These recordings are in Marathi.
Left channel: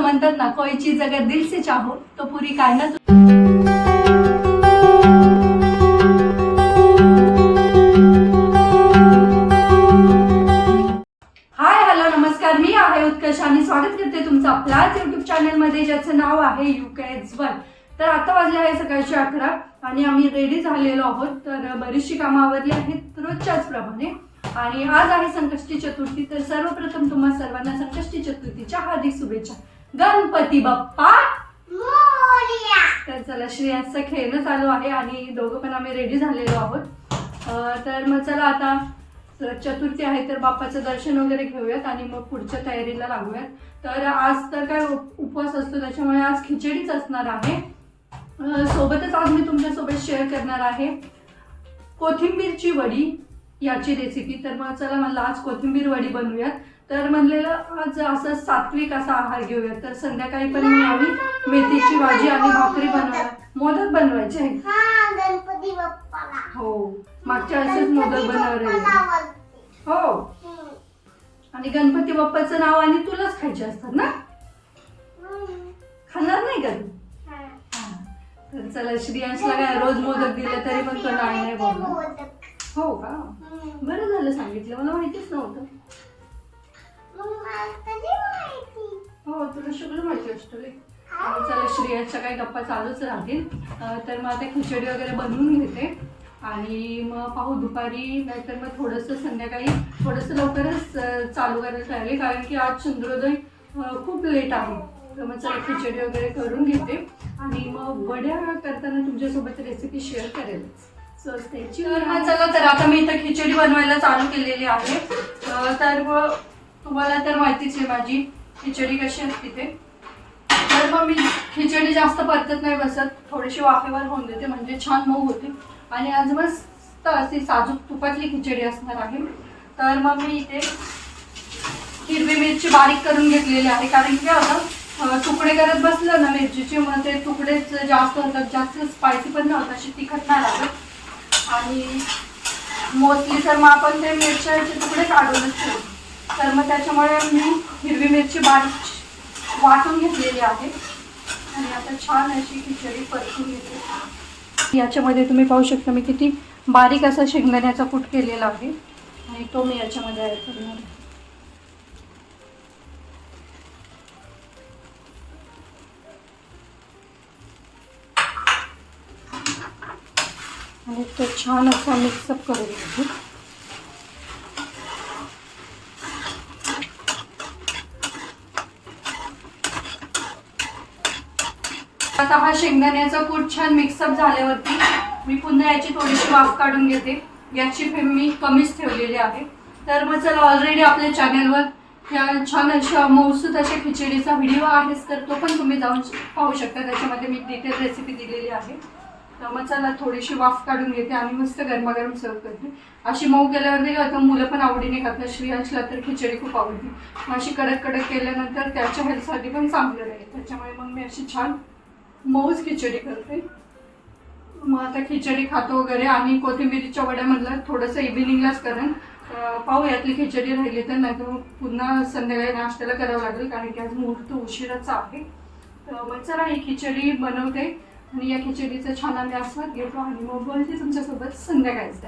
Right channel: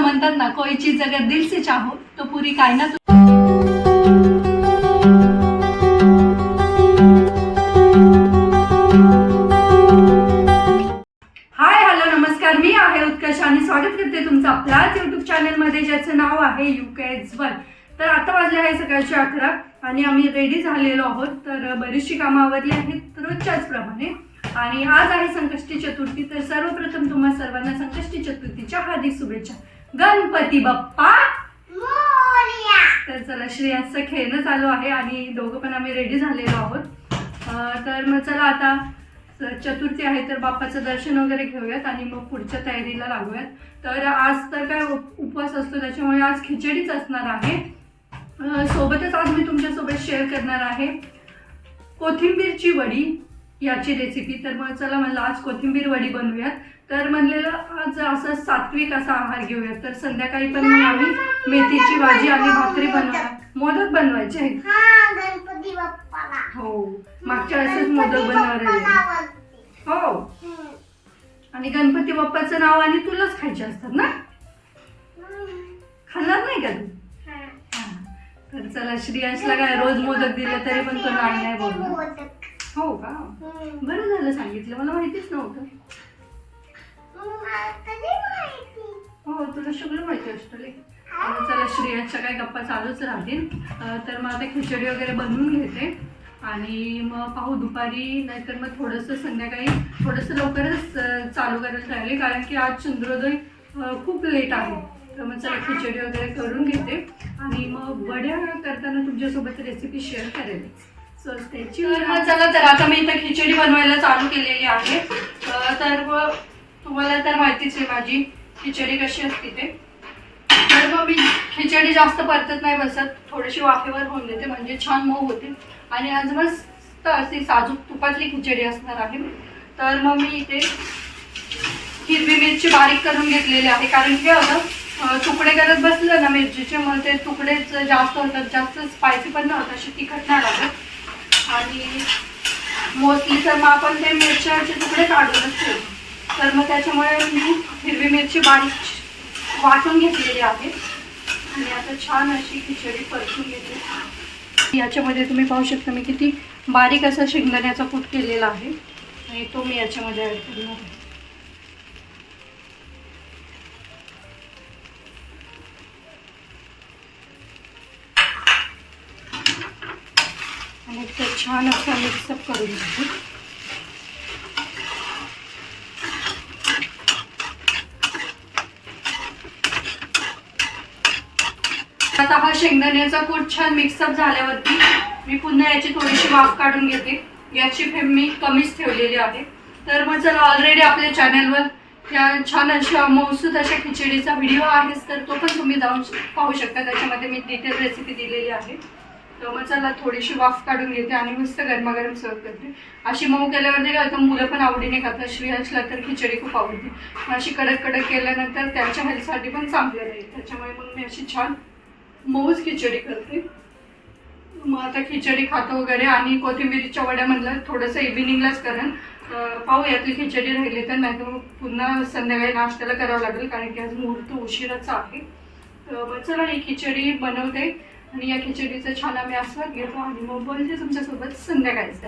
म्हणतात ना, कोई चीज अगर दिल से चाहो तो पूरी कायनात. हाय हॅलो नमस्कार, मी आहे उत्कर्ष आणि स्वागत करते तुमचं आपल्याच युट्यूब चॅनल मध्ये ज्याचं नाव आहे UKEDS1. तर आता वाजले आहे सकाळचे 11 आणि आम्ही रेडी झालेलो आहोत. तर बरीचशी कामं आवरली आहेत रोजच्याच प्रमाणे. आणि आज आहे संकष्टी चतुर्थी. तर सर्वप्रथम तुम्हा सर्वांना संकष्टी चतुर्थीच्या हार्दिक शुभेच्छा. गणपती बाप्पा मोरया. तर चला, श्रेयांचं खेळणं चालू आहे आणि दोघं पण आम्ही रेडी झालेलो आहोत. तर मग चला आता चतुर्थी आहे तर बाप्पाचं दर्शन वगैरे घेऊयात आणि मग पुढच्या तयारीला लागूयात. तर आज तर काय उपवास असतो त्याच्यामुळे आज खिचडीच असणार आहे. सोबतच आज मी तुमच्यासोबत शेअर करणार आहे कोथिंबीरची वडी याची रेसिपी. तर मग चला म्हणलं आज कोथिंबीर वडी बनवूयात. तर म्हणलेलं आज असं सात्विक असा आहार घेऊयात. तर संध्याकाळी पण मग आम्ही मेथीची भाजी आणि भाकरी बनवणार. मोदक बनवायचे गणपती बाप्पाला. हो, मागच्या वेळेसच मोदक बनवले. हो, आणि गणपती बाप्पाचं नाव आणि तुलाच खायचे असतात ना, खाणार नाही का तू? तर चला, श्रेयांशला काय रोज मोदक दिले तरी पण तो नाही बोलला. हो का, बरं झालं सांगितलं, मला माहितीच नव्हतं. हो, तुला सगळं माहिती असतं रे. चला, श्रेयांच्या काही गप्पा चालूच राहतील. तर मग आता खिचडी वगैरे बनवून घेते आणि मग पाहू दुपारी, नाहीतर मग थोडंसं संध्याकाळी थोडंसं लवकरच चालू करायला राहिले, कारण की आज चंद्रोदय खूप लेट आहे. तर मग चला खिचडी वगैरे करून घेते आणि मग वड्या करताना तुमच्यासोबत रेसिपी शेअर करेल. So stay tuned. चला, तर आता मी इथं खिचडी बनवायला चालू केलेली आहे. तर तुम्हाला तर माहितीच आहे माझी खिचडी कशी असते ते. तर मग मी खिचडी जास्त परतत नाही बसत, थोडीशी वाफेवर होऊन देते म्हणजे छान मऊ होते. आणि आज मस्त अशी साजूक तुपातली खिचडी असणार आहे. तर मग मी इथे हिरवी मिरची बारीक करून घेतलेली आहे, कारण की आता तुकडे करत बसलं ना मिरचीचे, मग ते तुकडेच जास्त होतात, जास्त स्पायसी पण नाही होत, अशी तिखट नाही लागत. आणि मोस्टली तर मग आपण ते मिरच्याचे तुकडे काढूनच ठेवतो. तर मग त्याच्यामुळे मी हिरवी मिरची बारीक वाटून घेतलेली आहे आणि आता छान अशी खिचडी परतून घेते. याच्यामध्ये तुम्ही पाहू शकता मी किती बारीक असा शेंगदाण्याचा कूट केलेला आहे आणि तो मी याच्यामध्ये ॲड करणार आहे. आणि ते छान असं मिक्सअप करून घेते. आता हा शेंगदाण्याचा कूट छान मिक्सअप झाल्यावरती मी पुन्हा याची थोडीशी वाफ काढून घेते. याची फ्लेम मी कमीच ठेवलेली आहे. तर मग चला, ऑलरेडी आपल्या चॅनलवर या छान अशा मौसूद अशा खिचडीचा व्हिडिओ आहेच, तर तो पण तुम्ही जाऊन पाहू शकता. त्याच्यामध्ये मी डिटेल रेसिपी दिलेली आहे. तर मग चला, थोडीशी वाफ काढून घेते आणि मस्त गरमागरम सर्व करते. अशी मऊ केल्यावरती काय होतं, मुलं पण आवडीने खातात. श्रेयांशला तर खिचडी खूप आवडते. अशी कडक कडक केल्यानंतर त्याच्या हेल्थसाठी पण चांगलं आहे. त्याच्यामुळे मग मी अशी छान मऊच खिचडी करते. मग आता खिचडी खातो वगैरे आणि कोथिंबीरीच्या वड्या म्हणलं थोडंसं इव्हिनिंगलाच करेन. पाहू यातली खिचडी राहिली तर, नाही तर मग पुन्हा संध्याकाळी नाश्त्याला करावं लागेल, कारण की आज मुहूर्त उशिराचा आहे. तर मग चला, ही खिचडी बनवते आणि या खिचडीचा छान आम्ही आस्वाद घेतो आणि मग बोलते तुमच्यासोबत संध्याकाळीच.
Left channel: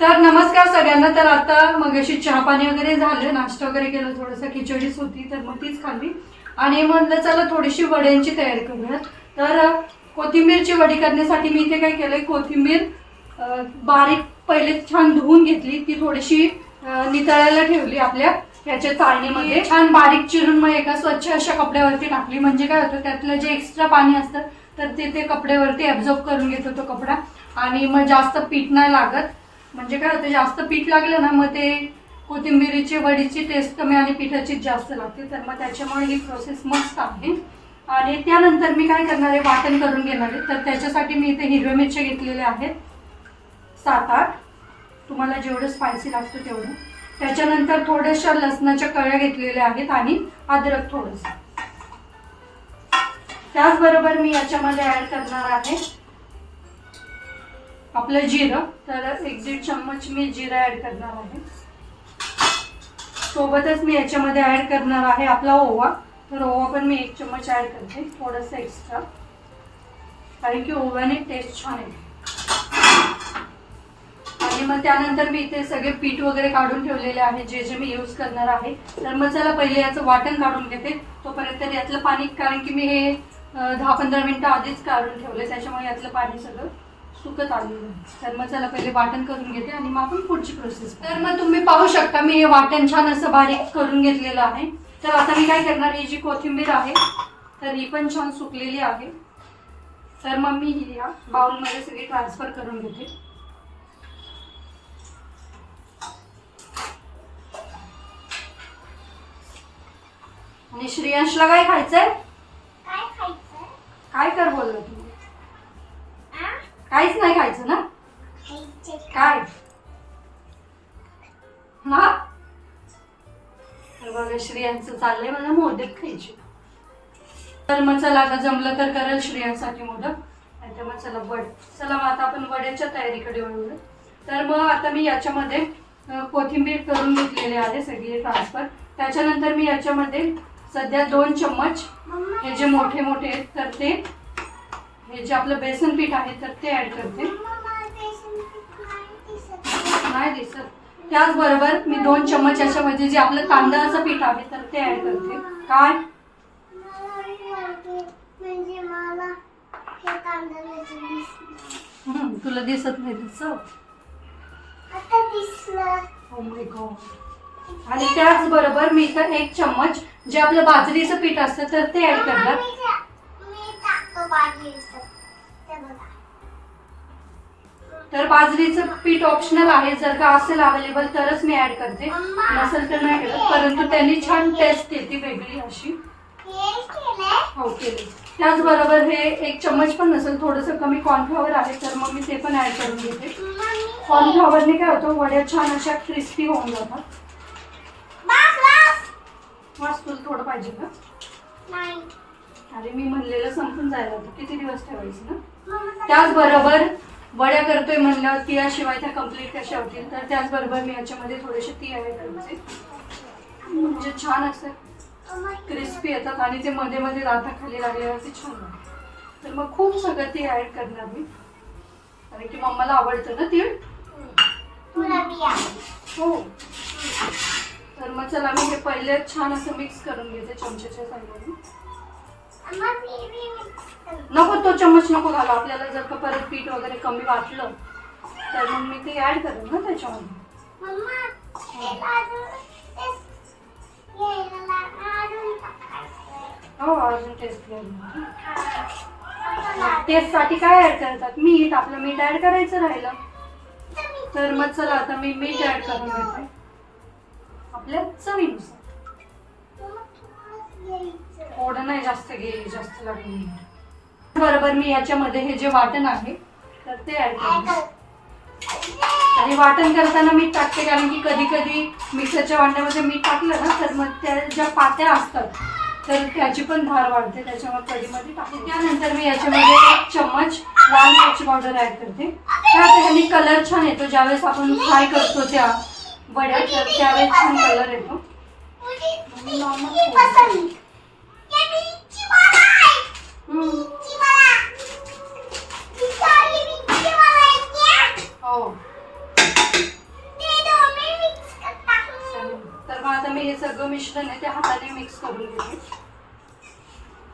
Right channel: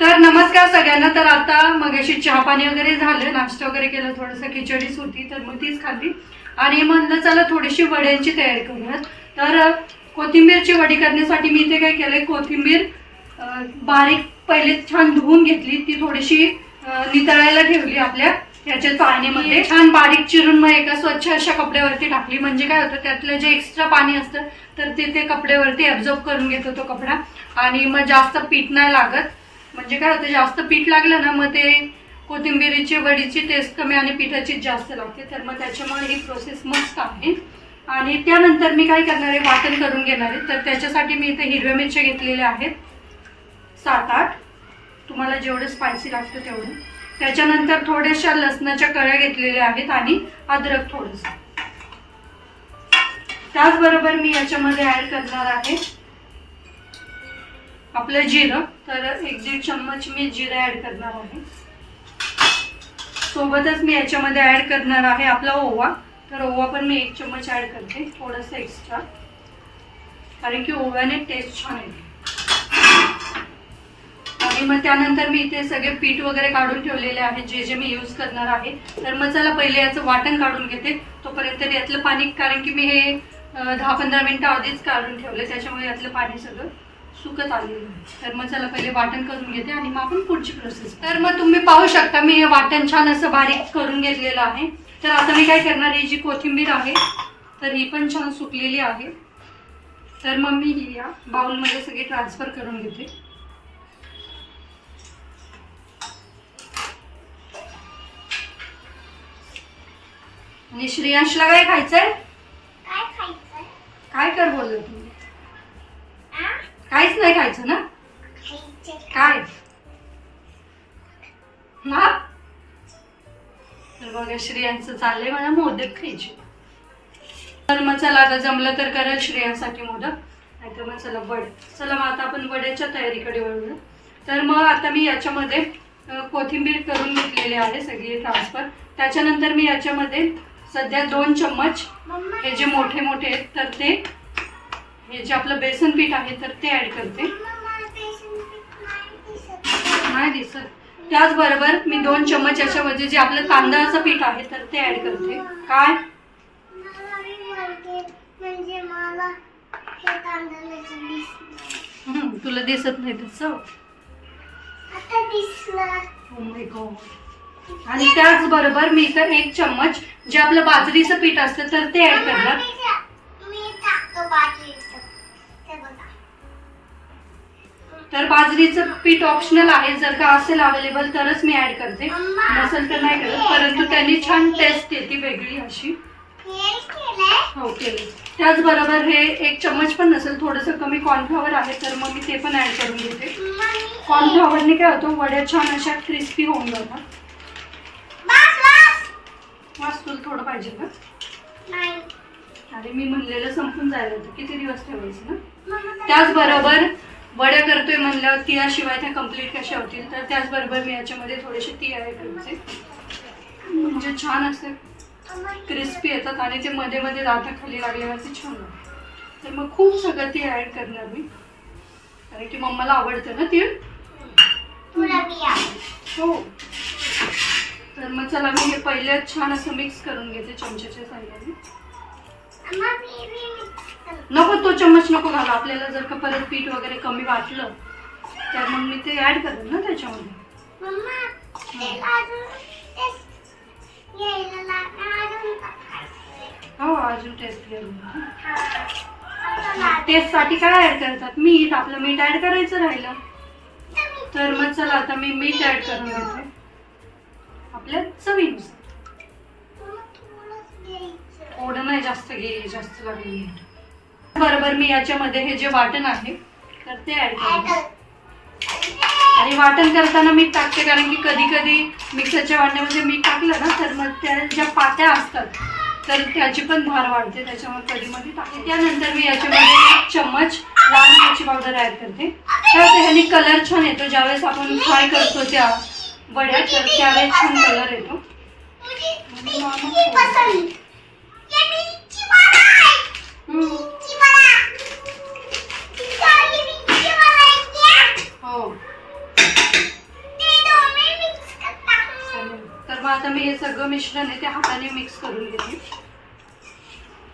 तर नमस्कार सगळ्यांना. तर आता मग अशी चहा पाणी वगैरे झालं, नाश्ता वगैरे केलं, थोडंसं खिचडीच होती तर मग तीच खाल्ली आणि म्हणलं चला थोडीशी वड्यांची तयारी करूयात. तर कोथिंबीरची वडी करण्यासाठी मी इथे काय केलंय, कोथिंबीर बारीक पहिले छान धुवून घेतली, ती थोडीशी नितळायला ठेवली आपल्या याच्या चाळणीमध्ये. छान बारीक चिरून मग एका स्वच्छ अशा कपड्यावरती टाकली, म्हणजे काय होतं त्यातलं जे एक्स्ट्रा पाणी असतं तर ते कपड्यावरती ॲब्झॉर्ब करून घेतो तो कपडा. आणि मग जास्त पीठ नाही लागत, म्हणजे काय होतं जास्त पीठ लागलं ना मग ते कोथिंबीरीची वडीची टेस्ट कमी आणि पिठाचीच जास्त लागते. तर मग त्याच्यामुळे ही प्रोसेस मस्त आहे. आणि त्यानंतर मी काय करणार आहे, वाटण करून घेणार आहे. तर त्याच्यासाठी मी इथे हिरव्या मिरच्या घेतलेल्या आहेत 7-8, तुम्हाला जेवढं स्पायसी लागतं तेवढं. त्याच्यानंतर थोड्याशा लसणाच्या कळ्या घेतलेल्या आहेत आणि अद्रक थोडंसं. त्याचबरोबर मी याच्यामध्ये ॲड करणार आहे आपलं जिरं. तर 1-1.5 चम्मच मी जिरं ॲड करणार आहे. सोबतच मी याच्यामध्ये ॲड करणार आहे आपला ओवा. तर ओवा पण मी 1 चम्मच ॲड करते, थोडंसं एक्स्ट्रा, कारण की ओव्याने टेस्ट छान येते. आणि मग त्यानंतर मी इथे सगळे पीठ वगैरे काढून ठेवलेले आहे, जे जे मी यूज करणार आहे. तर मग चला पहिले याचं वाटण काढून घेते, तोपर्यंत यातलं पाणी, कारण की मी हे 10-15 मिनटं आधीच काढून ठेवले, त्याच्यामुळे यातलं पाणी सगळं सुकत आलेलं आहे. तर मग चला पहिले वाटण करून घेते आणि मग आपण पुढची प्रोसेस. तर मग तुम्ही पाहू शकता मी हे वाटण छान असं बारीक करून घेतलेलं आहे. तर आता मी काय करणार, ही जी कोथिंबीर आहे तर ही पण छान सुकलेली आहे. तर मग मी ही या बाउलमध्ये सगळी ट्रान्सफर करून घेते. आणि श्रेयांशला काय खायचंय? काय खायचं? काय कर बोलले तुम्ही? आ? काहीच नाही खायचं ना? खायचं. काय हा? तर बघा श्रेयांचं चाललंय मला मोदक खायचे. तर मग चला आता जमलं तर करेल श्रेयांसाठी मोदक, नाहीतर मग चला वडे. चला मग आता आपण वड्याच्या तयारीकडे वळूया. तर मग आता मी याच्यामध्ये कोथिंबीर करून घेतलेली आहे सगळी ट्रान्सफर. त्याच्यानंतर मी याच्यामध्ये सध्या 2 चम्मच हे जे मोठे मोठे आहेत तर ते, हे जे आपलं बेसन पीठ आहे तर ते ॲड करते. नाही दिसत. त्याचबरोबर मी 2 चम्मच याच्यामध्ये जे आपलं तांदळाचं पीठ आहे तर ते ॲड करते. काय? म्हणजे मला हे तांदळाचं दिसलं. तुला दिसत नाही तसं? आता दिसलं. Oh my God. आणि त्याचबरोबर मी इथं 1 चम्मच जे आपलं बाजरीचं पीठ असतं तर ते ॲड करणार. मी टाकतो बाजरीचं. ते बघा. तर बाजरीचं पीठ ऑप्शनल आहे, जर का असेल अवेलेबल तरच मी ॲड करते, नसेल तर नाही करत. परंतु त्यांनी छान टेस्ट येते वेगळी अशी. हो केली. त्याचबरोबर हे 1 चम्मच पण नसेल, थोडंसं कमी कॉर्नफ्लॉवर आहे तर मग मी ते पण ॲड करून घेते. कॉर्नफ्लॉवरने काय होतं, वड्या छान अशा क्रिस्पी होऊन जातात. वास तुला थोडं पाहिजे का? नाही. अरे मी म्हणलेलं संपून जायला होतं, किती दिवस ठेवायचं ना. त्याचबरोबर वड्या करतोय म्हणलं तिळाशिवाय त्या कम्प्लीट कशा होतील, तर त्याचबरोबर मी याच्यामध्ये थोडेसे तीळ ॲड करते, म्हणजे छान असं क्रिस्पी येतात आणि ते मध्ये मध्ये दाताखाली लागल्यावरती छान लागतं. तर मग खूप सगळं तीळ ॲड करणार मी, कारण की मम्माला आवडतं ना तीळ. हो. तर मग चला मी हे पहिले छान असं मिक्स करून घेते चमच्याच्या साह्याने. नको तो चम्मच नको घाला, आपल्याला जर का परत पीठ वगैरे कमी वाटलं तर मग मी ते ॲड करेन ना त्याच्यामध्ये. हो अजून टेस्ट घ्यायला. टेस्टसाठी काय ॲड करतात? मीठ. आपलं मीठ ॲड करायचं राहिलं. तर मग चला आता मी मीठ ॲड करून घेते आपल्या चवीनुसार. थोडं नाही जास्त घेईल, जास्त लागेल मीठ. बरोबर मी याच्यामध्ये हे जे वाटण आहे तर ते ॲड करते. आणि वाटण करताना मीठ टाकते, कारण की कधी कधी मिक्सरच्या भांड्यामध्ये मीठ टाकलं ना तर मग त्या ज्या पात्या असतात तर त्याची पण धार वाढते, त्याच्यामुळे कधी मध्ये टाकते. त्यानंतर मी याच्यामध्ये 1 चम्मच लाल मिरची पावडर ॲड करते. तर आता ह्यानी कलर छान येतो, ज्यावेळेस आपण फ्राय करतो त्या वड्या तर त्यावेळेस छान कलर येतो. हो. तर मग आता मी हे सगळं मिश्रण आहे ते हाताने मिक्स करून घेते.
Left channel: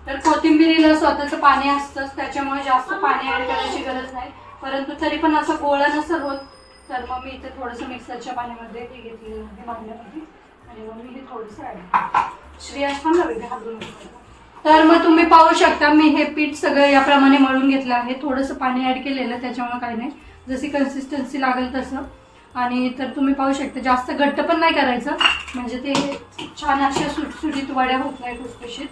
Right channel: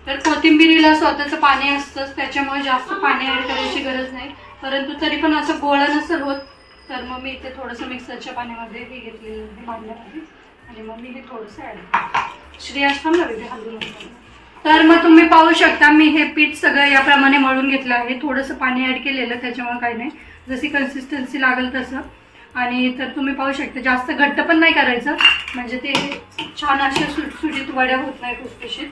तर कोथिंबिरीला स्वतःचं पाणी असतंच, त्याच्यामुळे जास्त पाणी ॲड करायची गरज नाही. परंतु तरी पण असं गोळा नसेल होत तर मग मी इथे थोडंसं मिक्सरच्या पाण्यामध्ये हे घेतलेलं आहे भांड्यामध्ये, आणि मग मी हे थोडंसं ॲड करते. श्रेयास थांब ना हलवून. तर मग तुम्ही पाहू शकता मी हे पीठ सगळं याप्रमाणे मळून घेतलं आहे. थोडंसं पाणी ॲड केलेलं, त्याच्यामुळे काही नाही, जशी कन्सिस्टन्सी लागेल तसं. आणि तर तुम्ही पाहू शकता जास्त घट्ट पण नाही करायचं, म्हणजे ते छान अशा सुटसुटीत वड्या होत नाही खुसखुशीत.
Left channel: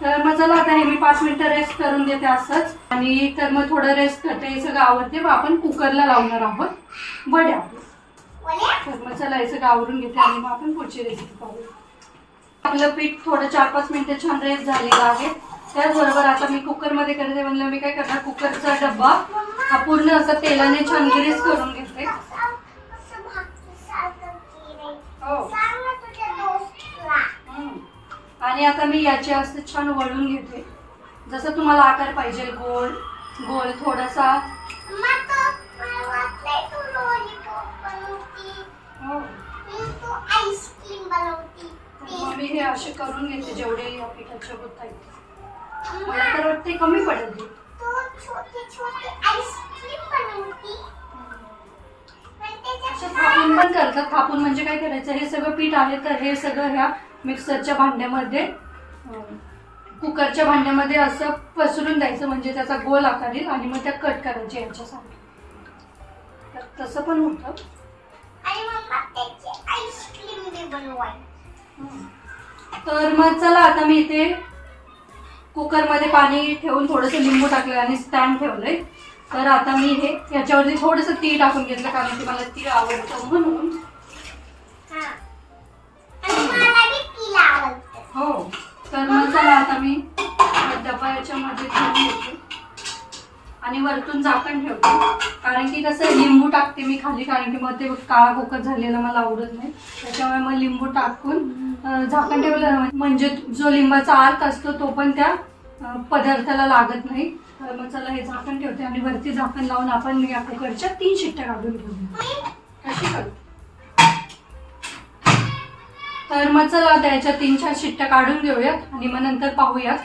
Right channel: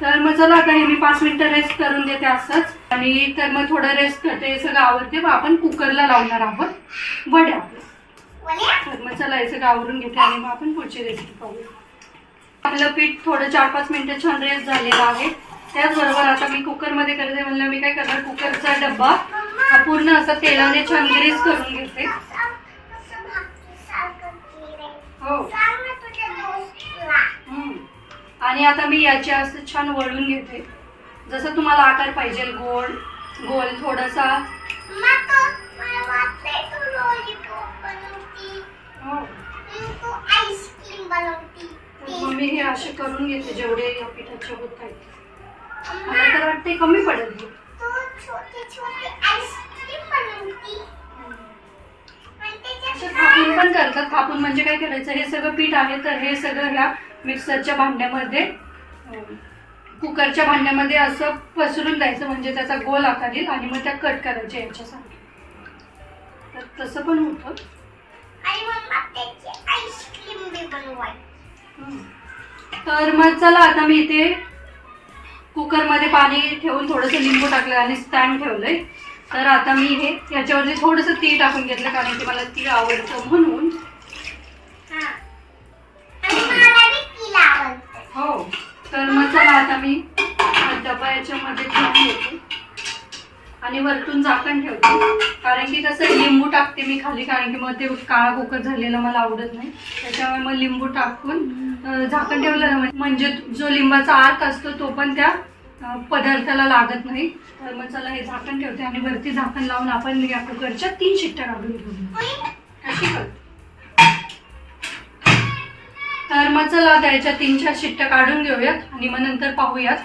तर मग चला आता हे मी 5 मिनिटं रेस्ट करून देते असंच. आणि तर मग थोडं रेस्ट करते, हे सगळं आवडते व आपण कुकरला लावणार आहोत वड्या. तर मग चला हे सगळं आवरून घेते आणि मग आपण पुढची रेसिपी पाहूया. आपलं पीठ थोडं 4-5 मिनिटं छान रेस्ट झालेलं आहे. त्याचबरोबर आता मी कुकरमध्ये करते म्हणलं मी काय करणार, कुकरचा डब्बा हा पूर्ण असं तेलाने छान ग्रीस करून घेते. हो. आणि आता मी याचे असं छान वळून घेते, जसं तुम्हाला आकार पाहिजे, गोल गोल थोडासा. मला वाटलंय तू लॉलीपॉप बनवती. हो, तू आईस्क्रीम बनवती. तर मग मी हे असे करून घेते जेवढे या पिठाचे होत आहेत. मला तर वाटते कमी पडेल हे. तू छोटी छोटी आईस्क्रीम बनवती. आणि असं त्याच्यात थापून पण करतात. थापून म्हणजे काय करायचं, हे सगळं पीठ आहे तर हे सगळं ह्या मिक्सरच्या भांड्यामध्ये, कुकरच्या भांड्यामध्ये असं पसरून द्यायचं, म्हणजे त्याचा गोल आकार येईल आणि मग त्या कट करायच्या याच्यासारखे. तर तसं पण होतं. आणि मम्मा त्याची आईस्क्रीम बी बनवायची. तर मग चला आता मी इथे कुकरमध्ये पाणी ठेवून थोडंसं लिंबू टाकलं आणि स्टँड ठेवलंय. तर आता मी हे याच्यावरती थोडंसं तीळ टाकून घेतलं, कारण की मला तीळ आवडतं म्हणून. हा. आणि मला बी तिला आवडतं. हो, तर मग चला आता मी डबा याच्यामध्ये ठेवून घेते आणि वरतून झाकण ठेवते, कारण की कसं लिंबू टाकते मी खाली, कारण की मग ते काळा कुकर झालेलं मला आवडत नाही. त्याच्यामुळे मग लिंबू टाकून झाकण ठेवलं, म्हणजे जो लिंबाचा आत असतो तो पण त्या पदार्थाला लागत नाही. तर मग चला हे झाकण ठेवते आणि वरती झाकण लावून आपण या कुकरच्या 3 शिट्ट्या काढून घेऊ. कशी कर. तर मग चला आता याच्या 3-4 शिट्ट्या काढून घेऊयात आणि मग नंतर पाहूयात.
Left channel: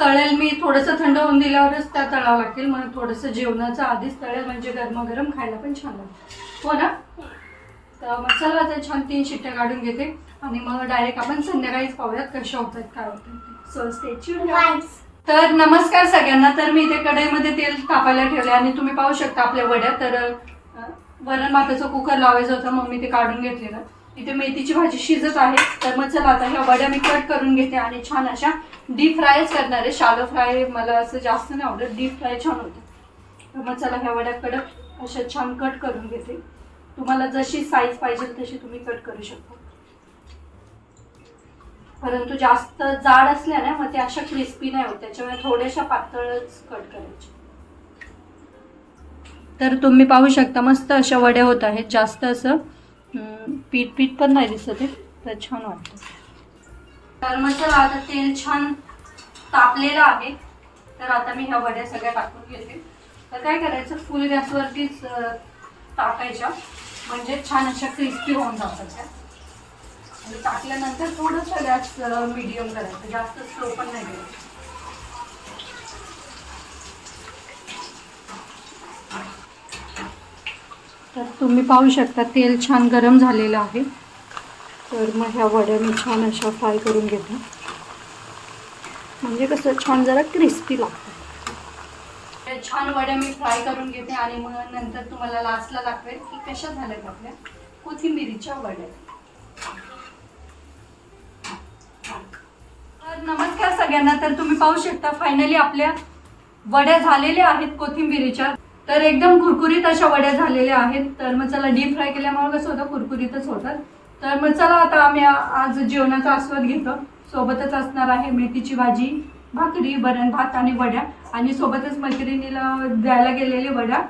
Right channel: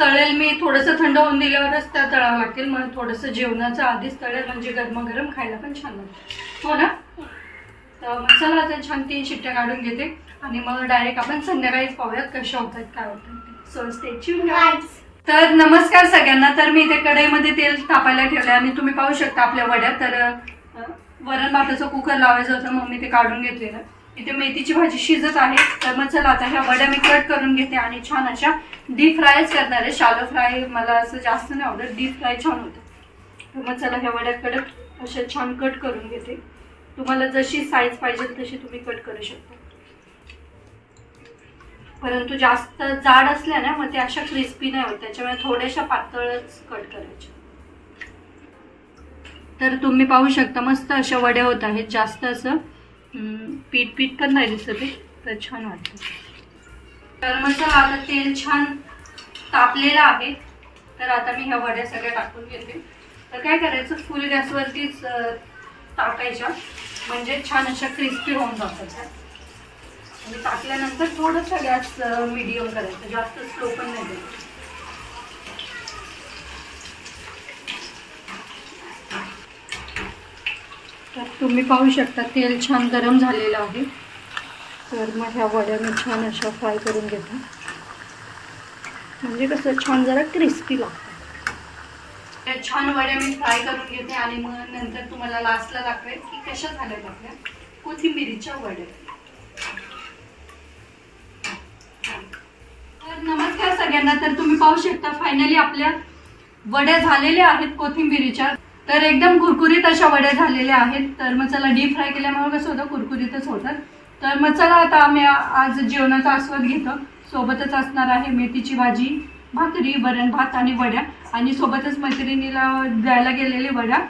तळेल मी थोडंसं थंड होऊन दिल्यावरच त्या तळावं लागतील, मग थोडंसं जेवणाचं आधीच तळेल, म्हणजे गरमागरम खायला पण छान लागतं. हो ना. तर मग चला आता छान 3 शिट्ट्या काढून घेते आणि मग डायरेक्ट आपण संध्याकाळीच पाहूयात कशा होत आहेत, काय होत आहेत. So stay tuned. तर नमस्कार सगळ्यांना. तर मी इथे कढईमध्ये तेल तापायला ठेवलं आणि तुम्ही पाहू शकता आपल्या वड्या. तर वरण भाताचं कुकर लावायचं होतं, मग मी ते काढून घेतलेलं. इथे मेथीची भाजी शिजत आहे. तर मग चला आता ह्या वड्या मी कट करून घेते आणि छान अशा डीप फ्रायच करणार आहे. शालो फ्राय मला असं जास्त नाही आवडत, डीप फ्राय छान होतं. तर मग चला ह्या वड्या कडक अशा छान कट करून घेते. तुम्हाला जशी साईज पाहिजे तशी तुम्ही कट करू शकता, परंतु जास्त जाड असल्या ना मग ते अशा क्रिस्पी नाही होत, त्याच्यामुळे थोड्याशा पातळच कट करायच्या. तर तुम्ही पाहू शकता मस्त अशा वड्या होत आहेत. जास्त असं पीठ पण नाही दिसत आहे, तर छान वाटतं. तर मग चला आता तेल छान तापलेलं आहे. तर आता मी ह्या वड्या सगळ्या टाकून घेते. तर काय करायचं, फुल गॅसवरतीच टाकायच्या, म्हणजे छान अशा क्रिस्पी होऊन जातात. आणि टाकल्यानंतर थोडंसं गॅस मीडियम करायचं, जास्त स्लो पण नाही करायचं. तर तुम्ही पाहू शकता तेल छान गरम झालेलं आहे. तर मग ह्या वड्या मी छान अशा फ्राय करून घेतो, म्हणजे कसं छान जरा क्रिस्पी लागतं. छान वड्या मी फ्राय करून घेते आणि मग नंतर तुम्हाला लास्टला दाखवेल की कशा झाल्यात आपल्या कोथिंबिरीच्या वड्या. तर नमस्कार सगळ्यांना. तर तुम्ही पाहू शकता फायनली आपल्या वड्या झालेल्या आहेत कोथिंबिरीच्या. तर एकदम कुरकुरीत अशा वड्या झालेल्या आहेत. तर मग चला डीप फ्राय केल्यामुळे कसं होतं, कुरकुरीतच होतात. तर मग चला आता आम्ही आज जेवणाचा आस्वाद घेतो. सोबतच असणार आहे मेथीची भाजी, भाकरी, वरण भात आणि वड्या, आणि सोबतच मैत्रिणीला द्यायला गेलेली वड्या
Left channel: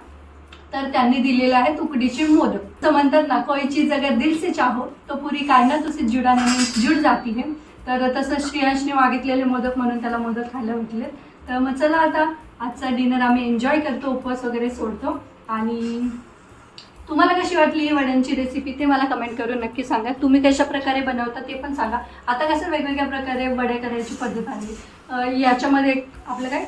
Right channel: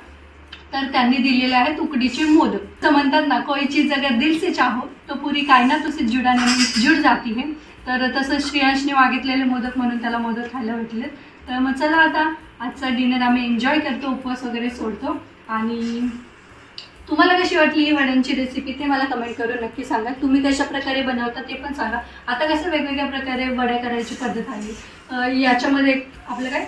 तर त्यांनी दिलेले आहेत उकडीचे मोदक. तर म्हणतात ना, कोई चीज अगर दिल से चाहो तो पुरी कायनात उसे जुड जाती है. तर तसं श्रेयांशने मागितलेले मोदक म्हणून त्याला मोदक खायला भेटले. तर मग चला आता आजचा डिनर आम्ही एन्जॉय करतो, उपवास वगैरे सोडतो. आणि तुम्हाला कशी वाटली ही वड्यांची रेसिपी ते मला कमेंट करून नक्की सांगा. तुम्ही कशा प्रकारे बनवता ते पण सांगा. आता कसं वेगवेगळ्या प्रकारे वड्या करायची पद्धत आली. याच्यामध्ये आपलं काय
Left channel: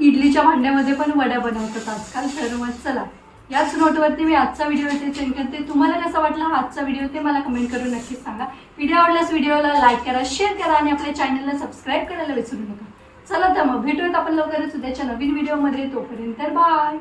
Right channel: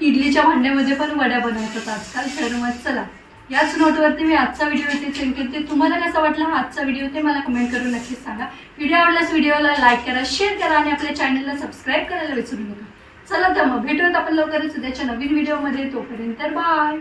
इडलीच्या भांड्यामध्ये पण वड्या बनवतात आजकाल. तर मग चला याच नोटवरती मी आजचा व्हिडिओ इथे सेंड करते. तुम्हाला कसा वाटला हा आजचा व्हिडिओ ते मला कमेंट करून नक्कीच सांगा. व्हिडिओ आवडल्यास व्हिडिओला लाईक करा, शेअर करा आणि आपल्या चॅनलला सबस्क्राईब करायला विसरू नका. चला तर मग भेटूयात आपण लवकरच उद्याच्या नवीन व्हिडिओमध्ये. तोपर्यंत बाय.